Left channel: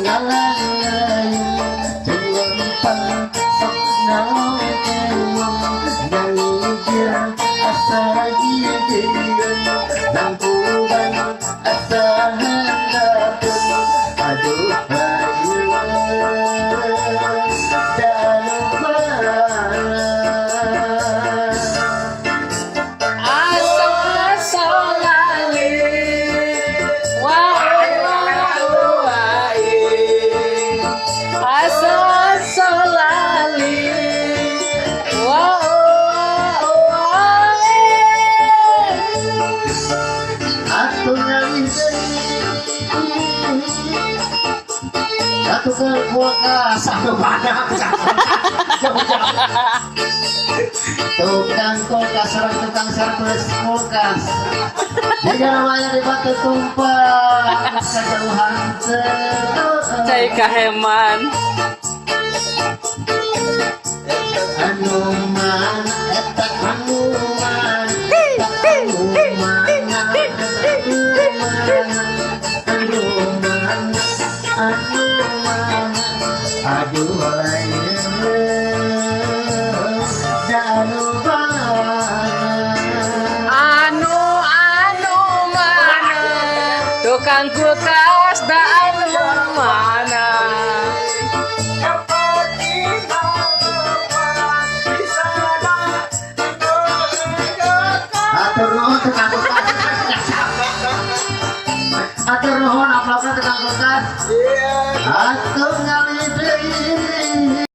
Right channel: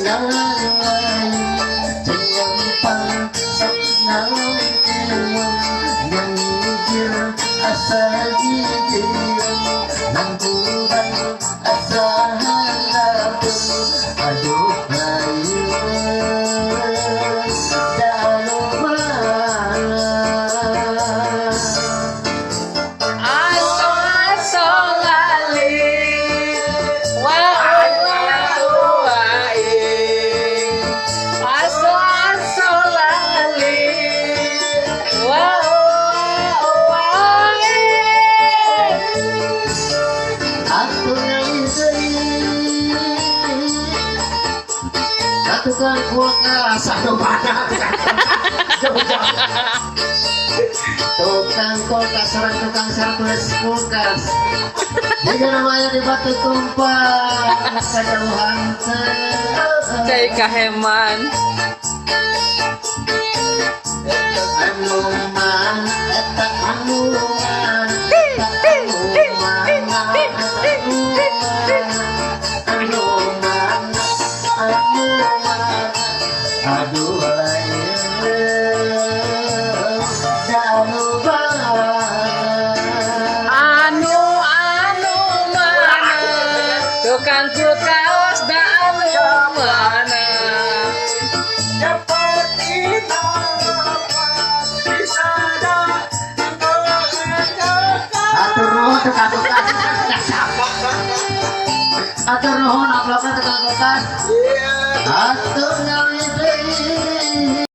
ngalai timpang senang uang yang hijau asa gigiran nang kurang asa harapan aduh ayu tukang kulkas satu padang tukang kulkas serang tukang servis kulkas jika namanya di batu tumpah kejauhan cai kaheman anuman etak anuman anuman aduh layu danu mana tukang kulkas da anu mana atur nuhun tukang kulkas atur nuhun aplopna tukang kulkas atur ngali deui